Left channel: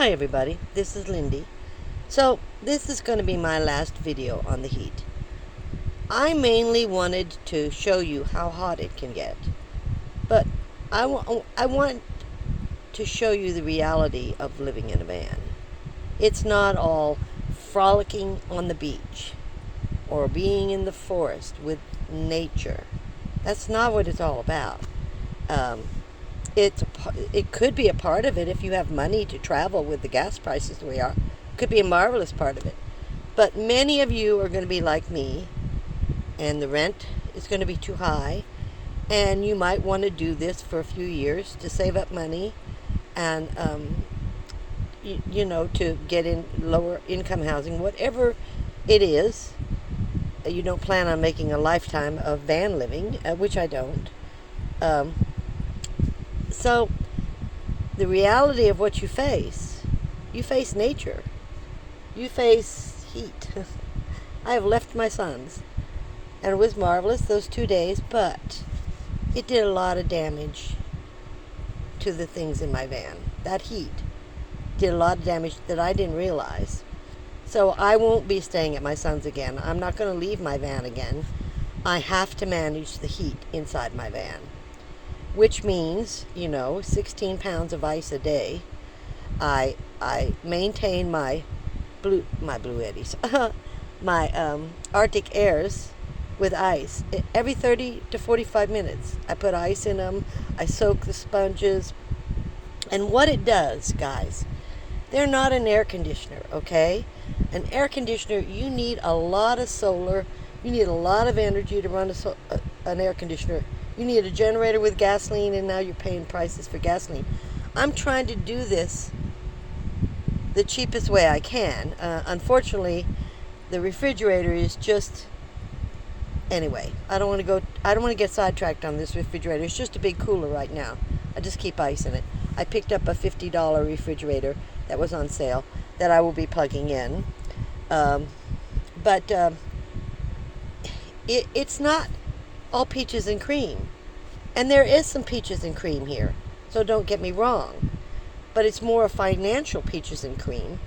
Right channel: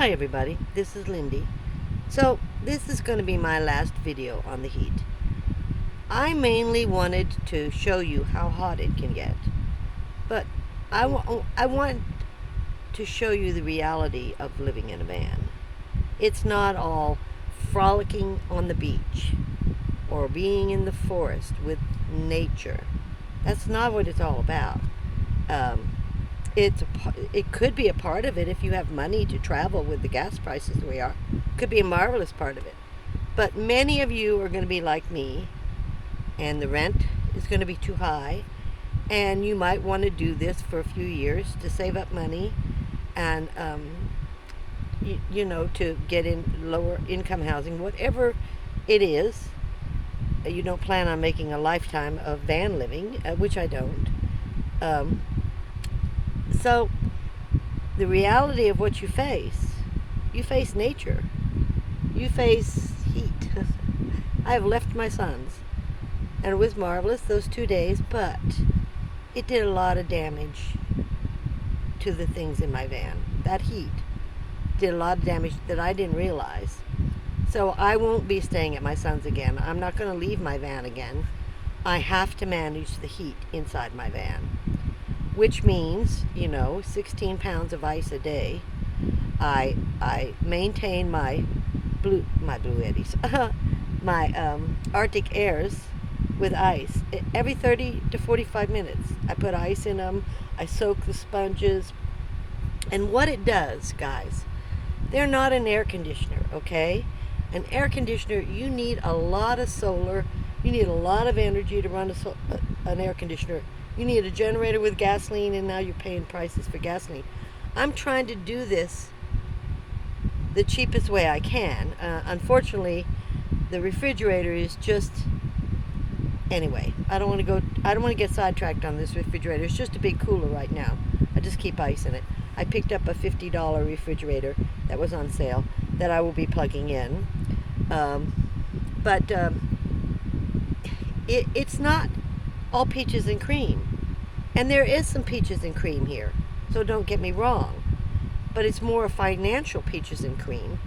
Hi everybody, this is Lindy. So this is going to be my last video on the heat. I mainly wanted to show you how hot it can get, but I want to show you the reality of living in a van. It's not all frolicking on the beach or being in the forest with nature. That's not what it's all about. Um, it could be a part of it if you have money to travel with the gas prices the way are. Could be a marvelous part of it. But many of you are going to be like me, and the rent is going to be too high, and you might want to do this for a few years to save up money, and to get in lower income housing, whatever it is. You don't plan on making a lifetime of van living, which I don't. Um, so the reality of what you face nature, you face heat. I have left my sons, and it was marvelous those 2 days, but it did a lot of damage to the things in my van. That heat did a lot of damage that I didn't realize. So I won't be staying at my son's again. I'm not going to leave my van again. I have to manage the heat inside my van, which means, 16 pounds of ice a day. I maintain my blue eddies, my Arctic airs with ice. Every 30 to 45 minutes, I put ice in them. I soak the sponges. And what it does, guys, they're not an air conditioner, okay? An air conditioner, you need a lot of solar. You need a lot of energy to run an air conditioner. You need a generator with gasoline, and now you're paying prices for gasoline. I'm trying to do this the cheapest way I can. Unfortunately, the refrigerator is just... Anyway, I don't want to get sidetracked on this refrigerator. It's just a big cooler right now. I just keep ice in it. I picked up a $50 refrigerator that was on sale that I will be plugging in. But it's not all peaches and cream. And there is some peaches and cream here, so don't get me wrong. But it's more a financial peaches and cream.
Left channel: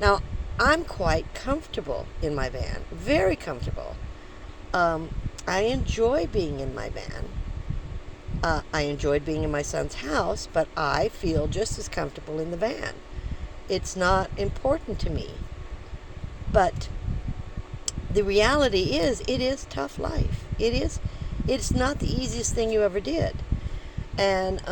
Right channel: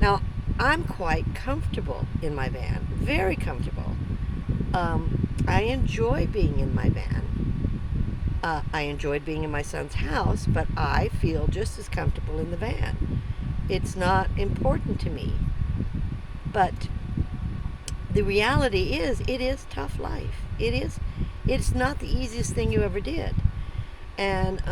Now, I'm quite comfortable in my van, very comfortable. I enjoy being in my van. I enjoyed being in my son's house, but I feel just as comfortable in the van. It's not important to me. But the reality is, it is tough life. It's not the easiest thing you ever did. And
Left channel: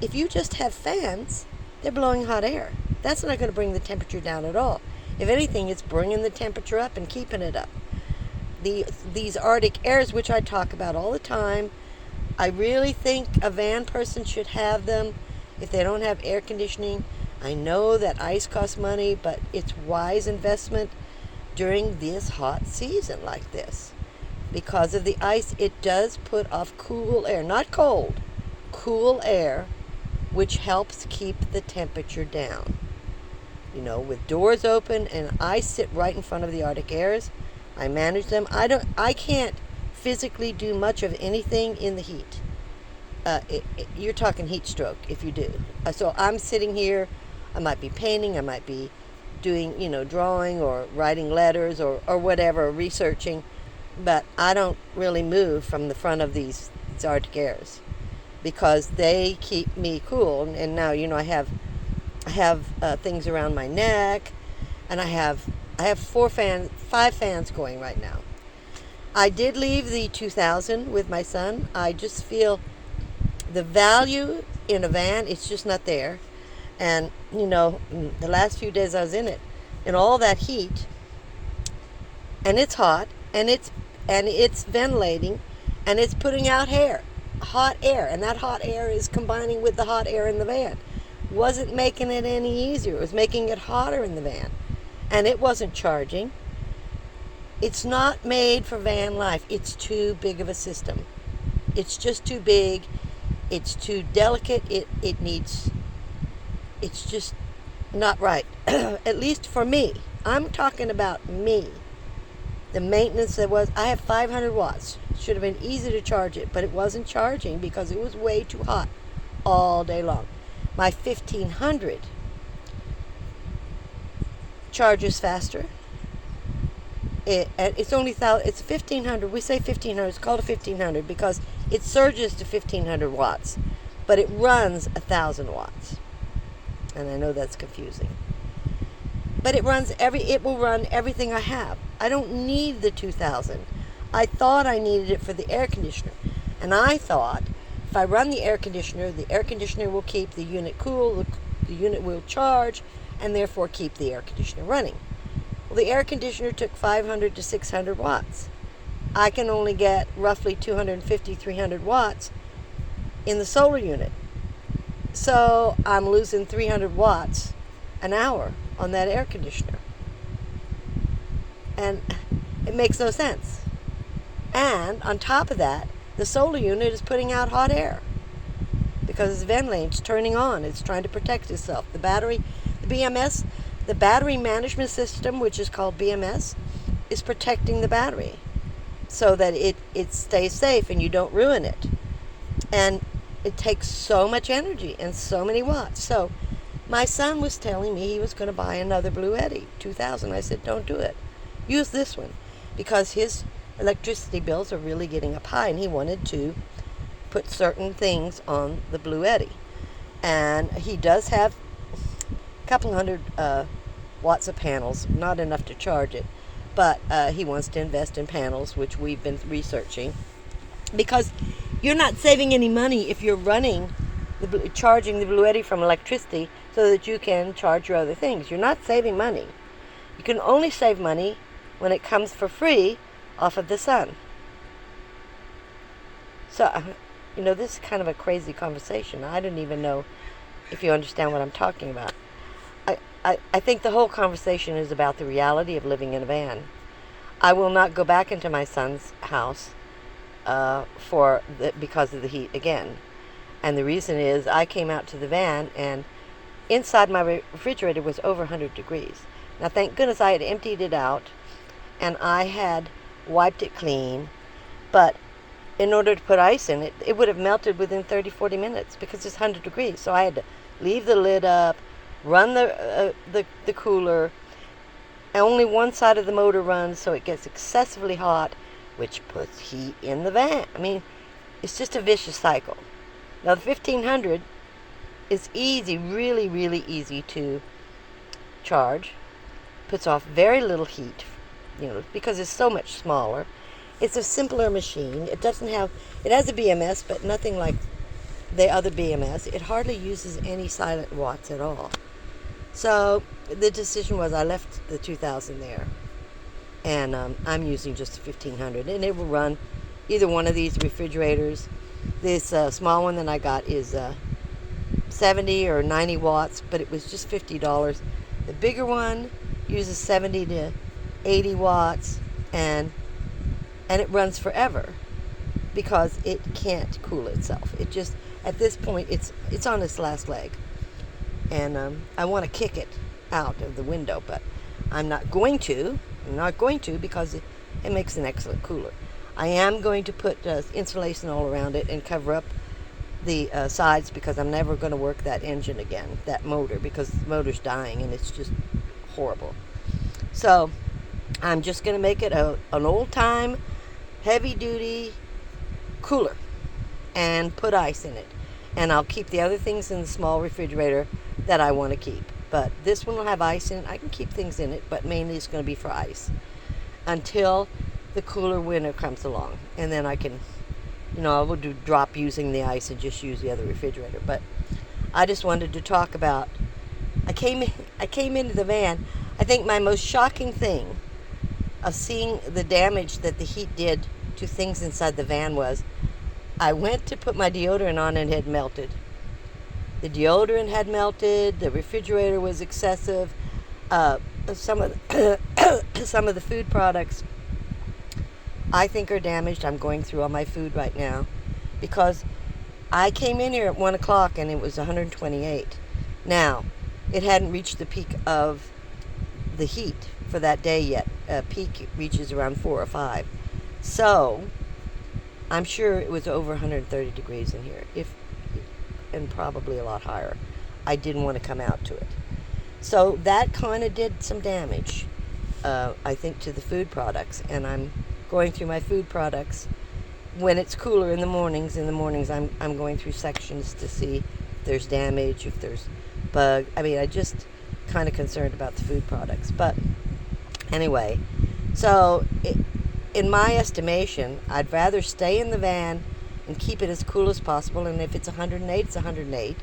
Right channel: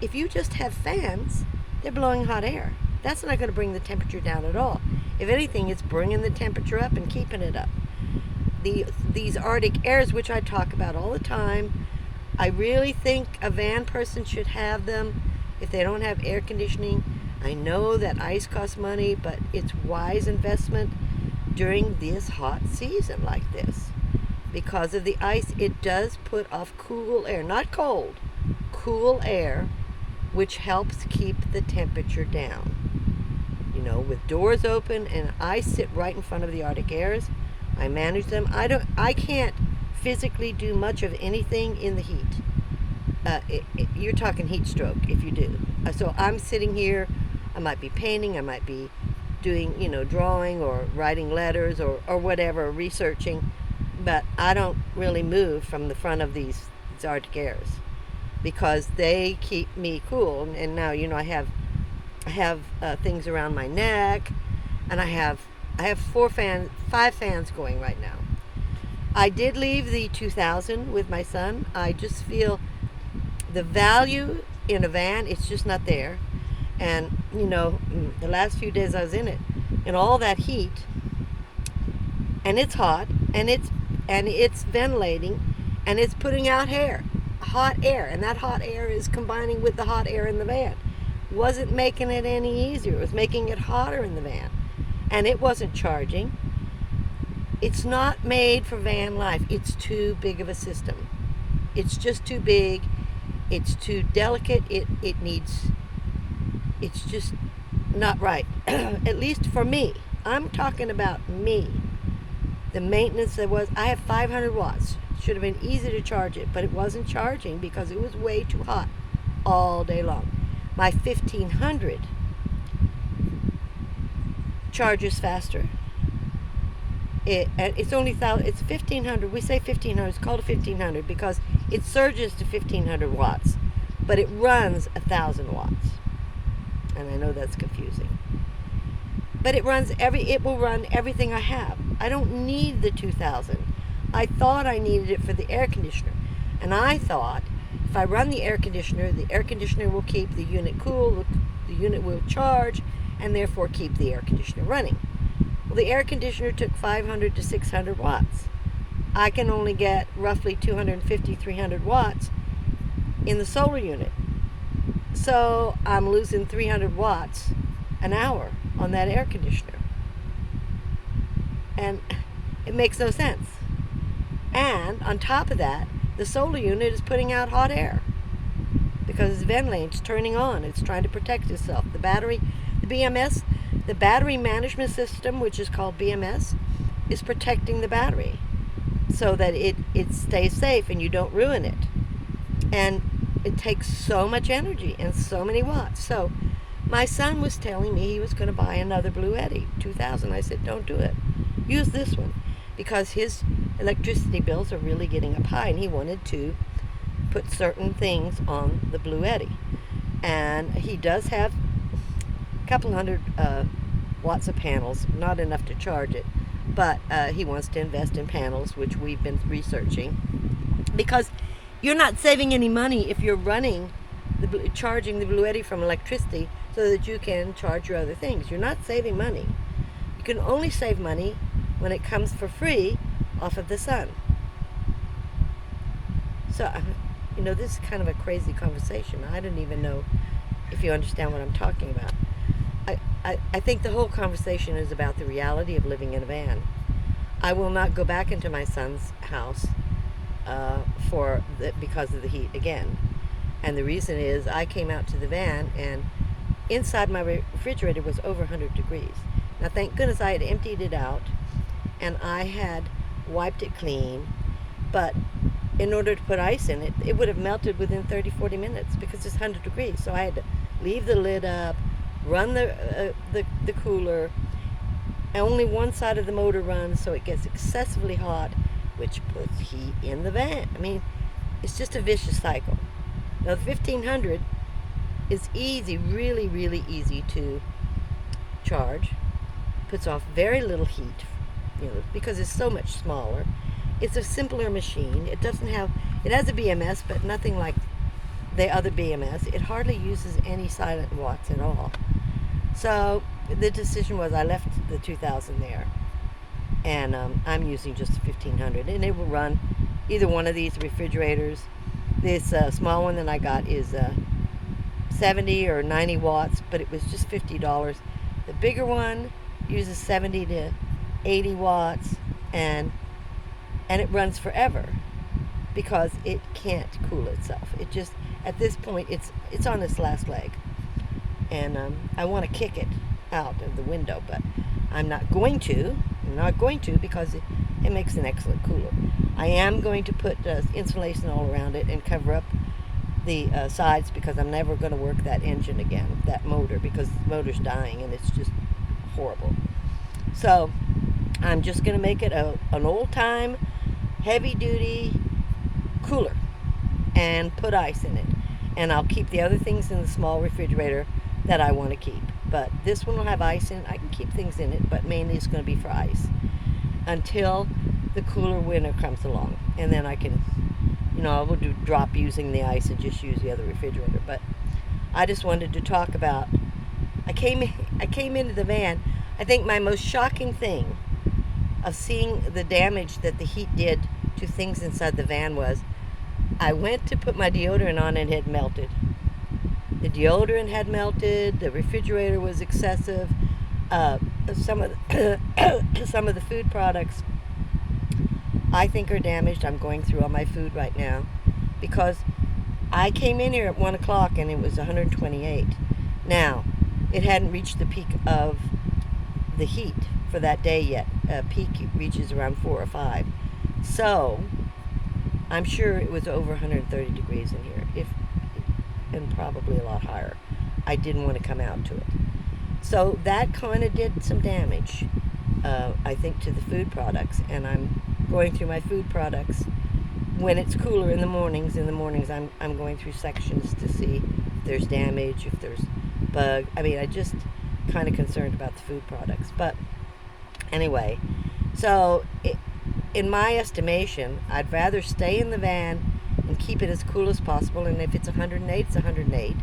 if you just have fans, they're blowing hot air. That's not going to bring the temperature down at all. If anything, it's bringing the temperature up and keeping it up. These Arctic airs, which I talk about all the time, I really think a van person should have them if they don't have air conditioning. I know that ice costs money, but it's wise investment during this hot season like this. Because of the ice, it does put off cool air, not cold, cool air, which helps keep the temperature down. With doors open, and I sit right in front of the Arctic airs. I manage them. I can't physically do much of anything in the heat. You're talking heat stroke if you do. So I'm sitting here. I might be painting. I might be doing, drawing or writing letters or whatever, researching. But I don't really move from the front of these Arctic airs because they keep me cool. And now, I have things around my neck, and I have 5 fans going right now. I did leave the 2000 with my son. I just feel the value in a van, it's just not there. And, the last few days I was in it, in all that heat, and it's hot, and it's ventilating, and it's putting out hot air, and that hot air is combining with the hot air in the van. Wasn't making it any easier. It was making it hotter in the van. And it wasn't charging. It's not made for van life. It's too big of a system. It's just too big. It's too delicate. It's just not right. At least for me. I'm talking about me. The maintenance I have 500 watts. Should have been easy to charge it, but it wasn't charging because it was way too hot all day long. My 1500 charges faster. It's only it's 1500. We say 1500. It's called a 1500 because it surges to 1500 watts, but it runs 1000 watts. And I know that's confusing. But it will run everything I have. I don't need the 2000. I thought I needed it for the air conditioner. And I thought if I run the air conditioner will keep the unit cool, the unit will charge, and therefore keep the air conditioner running. Well, the air conditioner took 500 to 600 watts. I can only get roughly 250, 300 watts in the solar unit. So I'm losing 300 watts an hour on that air conditioner. And it makes no sense. And on top of that, the solar unit is putting out hot air because its ventilating, it's turning on, it's trying to protect itself. The BMS, the battery management system, which is called BMS, is protecting the battery so that it stays safe and you don't ruin it. And it takes so much energy and so many watts. So my son was telling me he was going to buy another L.A.V.A 2000. I said, don't do it. Use this one because his electricity bills are really getting up high and he wanted to put certain things on the L.A.V.A. And he does have a couple hundred watts of panels, not enough to charge it, but he wants to invest in panels, which we've been researching, because you're not saving any money if you're charging the L.A.V.A from electricity so that you can charge your other things. You're not saving money. You can only save money when it comes for free off of the sun. So, this is kind of a crazy conversation. I don't even know if you understand what I'm talking about. I think the whole conversation is about the reality of living in a van. I will not go back into my son's house because of the heat again. And the reason is I came out to the van and inside my refrigerator was over 100 degrees. Now, thank goodness I had emptied it out and I had wiped it clean, but in order to put ice in it, it would have melted within 30, 40 minutes because it's 100 degrees. So I had to leave the lid up, run the cooler. Only one side of the motor runs, so it gets excessively hot, which puts heat in the van. I mean, it's just a vicious cycle. Now, the 1500 is easy, really, really easy to charge. Puts off very little heat, because it's so much smaller. It's a simpler machine. It has a BMS, but nothing like the other BMS. It hardly uses any silent watts at all. So the decision was I left the 2000 there, and I'm using just the 1500, and it will run either one of these refrigerators. This small one that I got is 70 or 90 watts, but it was just $50. The bigger one uses 70 to 80 watts, and it runs forever because it can't cool itself. It just, at this point, it's on its last leg. And I want to kick it out of the window, but I'm not going to. Because it makes an excellent cooler. I am going to put insulation all around it and cover up the sides because I'm never going to work that engine again, that motor, because the motor's dying and it's just horrible. So I'm just going to make it an old-time, heavy-duty cooler and put ice in it. And I'll keep the other things in the small refrigerator that I want to keep. But this one will have ice in it. I can keep things in it, but mainly it's going to be for ice until the cooler winter comes along. And then I can, I will drop using the ice and just use the other refrigerator. But I just wanted to talk about, I came into the van. I think my most shocking thing of seeing the damage that the heat did to things inside the van was I went to put my deodorant on and it had melted. The deodorant had melted. The refrigerator was excessive. Some of the food products I think are damaged. I'm going through all my food right now because I came in here at 1 o'clock and it was 128. Now, it hadn't reached the peak of the heat for that day yet. Peak reaches around 4 or 5. So I'm sure it was over 130 degrees in here, and probably a lot higher. I didn't want to come out to it. So that kind of did some damage, I think, to the food products. And I'm going through my food products when it's cooler in the mornings. In the mornings, I'm going through sections to see if there's damage, if there's bug. I mean, I just kind of concerned about the food products. But anyway, so in my estimation, I'd rather stay in the van and keep it as cool as possible. And if it's 108, it's 108.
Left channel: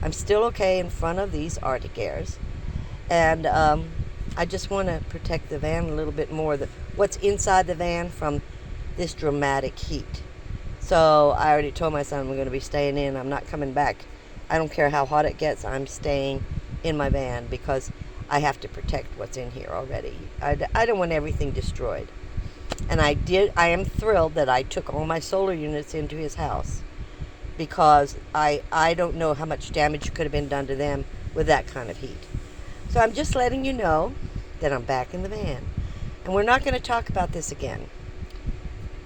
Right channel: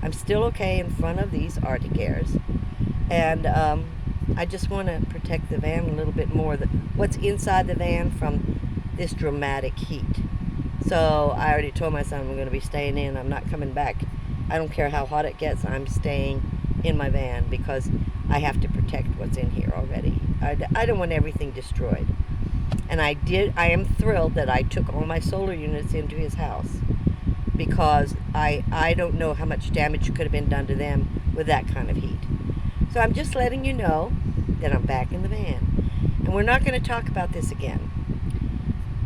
I'm still okay in front of these Arctic airs. And I just want to protect the van a little bit more, what's inside the van from this dramatic heat. So I already told my son I'm going to be staying in. I'm not coming back. I don't care how hot it gets. I'm staying in my van because I have to protect what's in here already. I don't want everything destroyed. And I am thrilled that I took all my solar units into his house because I don't know how much damage could have been done to them with that kind of heat. So I'm just letting you know that I'm back in the van. And we're not going to talk about this again.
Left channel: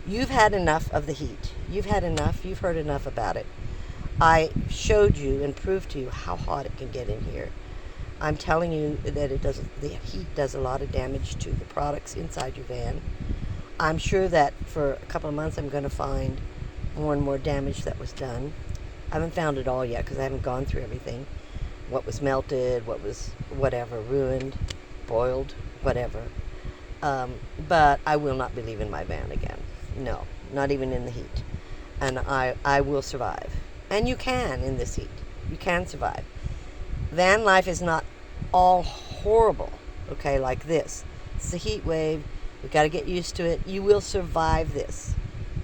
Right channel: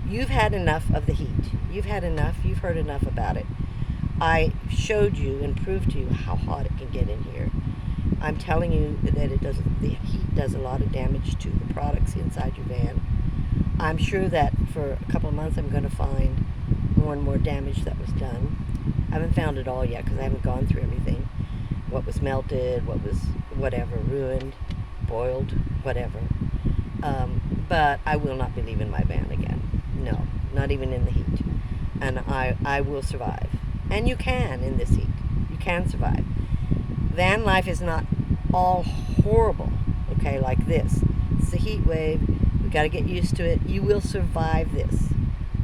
You've had enough of the heat. You've had enough. You've heard enough about it. I showed you and proved to you how hot it can get in here. I'm telling you that the heat does a lot of damage to the products inside your van. I'm sure that for a couple of months I'm going to find more and more damage that was done. I haven't found it all yet because I haven't gone through everything. What was melted, what was whatever, ruined, boiled, whatever. But I will not be leaving my van again. No, not even in the heat. And I will survive. And you can in this heat. You can survive. Van life is not all horrible, okay, like this. It's a heat wave. We've got to get used to it. You will survive this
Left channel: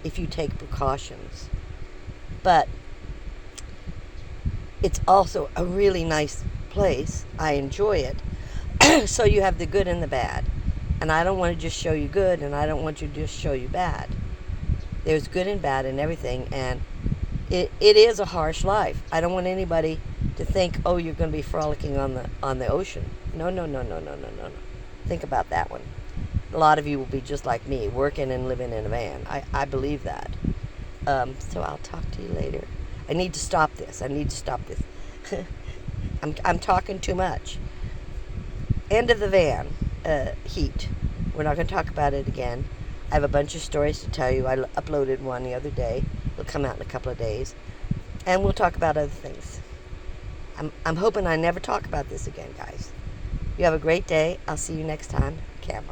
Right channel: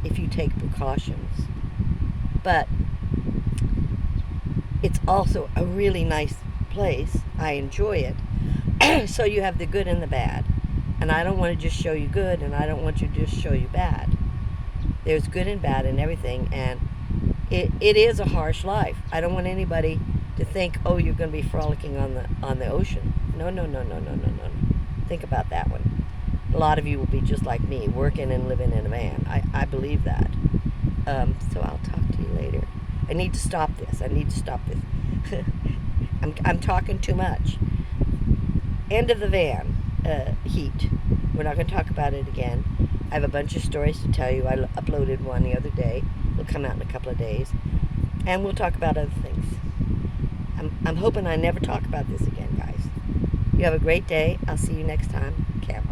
if you take precautions. But it's also a really nice place. I enjoy it. So you have the good and the bad. And I don't want to just show you good, and I don't want to just show you bad. There's good and bad in everything, and it is a harsh life. I don't want anybody to think, oh, you're going to be frolicking on the ocean. No, no, no, no, no, no, no, no. Think about that one. A lot of you will be just like me, working and living in a van. I believe that. So I'll talk to you later. I need to stop this. I need to stop this. I'm talking too much. End of the van heat. We're not going to talk about it again. I have a bunch of stories to tell you. I uploaded one the other day. It'll come out in a couple of days. And we'll talk about other things. I'm hoping I never talk about this again, guys. You have a great day. I'll see you next time. Camera.